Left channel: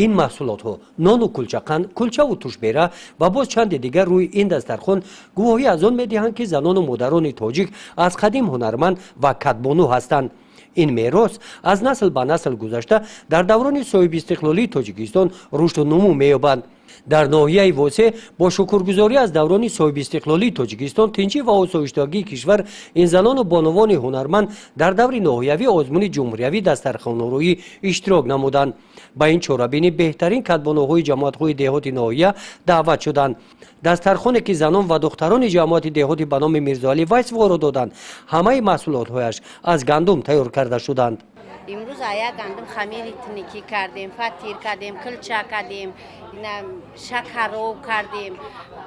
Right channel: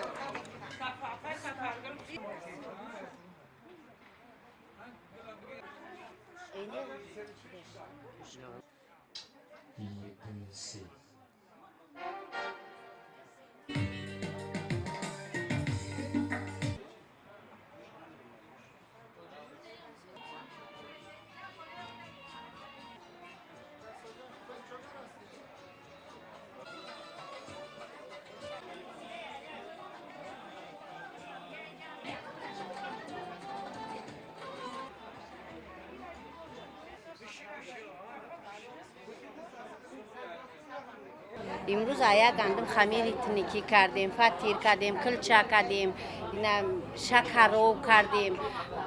این محصولات ها نان و کلچقند، کلچه و توشبیره و باز چند دیگر روی این دسترخوان گواهی از آن میدهند که زنان و مادران تاجیک از قدیم هنرمند و کدبانو هستند. این میراث از نسل به نسل گذشته در دوران صاحب استقلالی تاجیکستان رشد و نمو می‌یابد. در ناحیه واسه با شکرگزاری از دوران صاحب استقلالی تاجیکستان تنظیم و آسایشگی کشور این زنان و بانوان هنرمند در دور نهایوی آزمون جمهوری دسترخوان‌آرایی اشتراک نمودند. با این چاره‌بینی بهترین کدبانوهای جماعت‌های دهات ناحیه دعوت شدند. دسترخوانی که زنان و دختران جماعت دهاتی به نام میرزاعلی ویس وارد دادند، همه محصولات‌هایش از گندم تیار کرده شدند. امروز آیا گندم خمیر تنیکی کردیم، فطیر کردیم، کلچه کردیم، شکرو کردیم،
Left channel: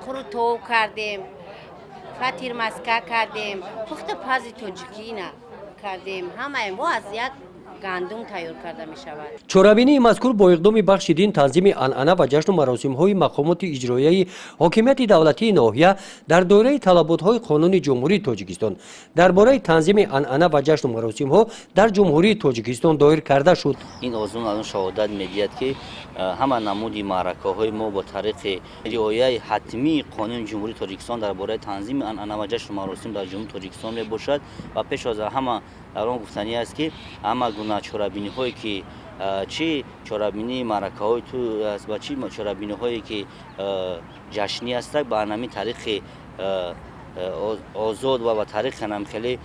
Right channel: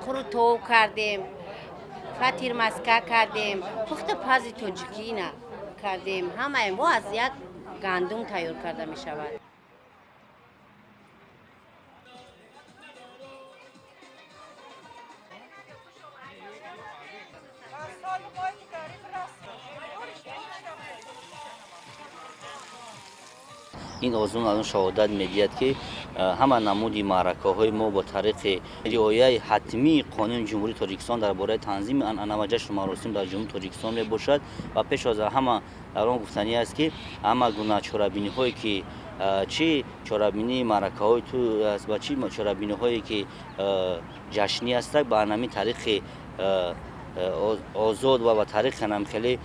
قروتو کردیم، فطیر مسکه کردیم، پخت پاز تاجیکی کردیم. همه این از یک گندم تیار کرده می شود. چورابینی مذکور با اقدام بخش دین تنظیم عنعنه و جشن و مراسم های مقامات اجرایی حاکمیت دولتی ناحیه در دوره طلبات های قانون جمهوری تاجیکستان درباره تنظیم عنعنه و جشن و مراسم ها در جمهوری تاجیکستان دایر کرده شد. این آزمون الان شهادت میدهد که همه نمودی معرکه های ما با طریق رعایت حتمی قانون جمهوری تاجیکستان درباره تنظیم عنعنه و جشن و مراسم در جمهوری تاجیکستان می باشد و پیش از همه در آن گفتنی است که همه گونه چورابینی هایی که چی چورابینی معرکه های تو است و چی چورابینی هایی که جشنی است با همین طریق آزاد و با طریق خیلی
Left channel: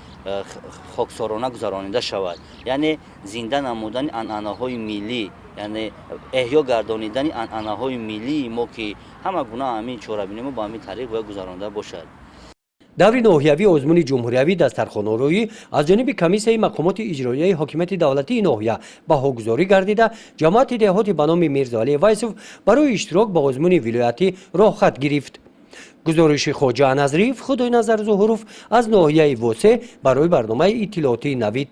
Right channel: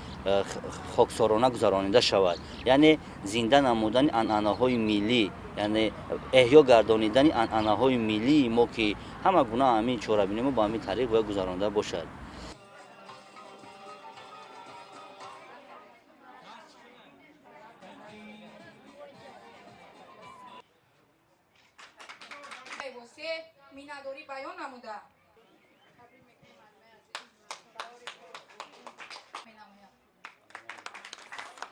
خاکسارانه گذرانیده شود. یعنی زنده نمودن عنعنه های ملی، یعنی احیا گردانیدن عنعنه های ملی ما که همه گونه همین چورابینی ما با همین طریق باید گذرانیده باشد. دور ناحیوی آزمون جمهوری دسترخوان‌آرایی از جانب کمیسیون مقامات اجرایی حاکمیت دولتی ناحیه بهاگذاری گردیده جماعت دهاتی به نام میرزاعلی ویسوف برای اشتراک به آزمون ولایتی راه خط گرفت. گزارش خواجه نظریف خدای نظر ظهوروف از ناحیه واسه برای برنامه اطلاعاتی نوید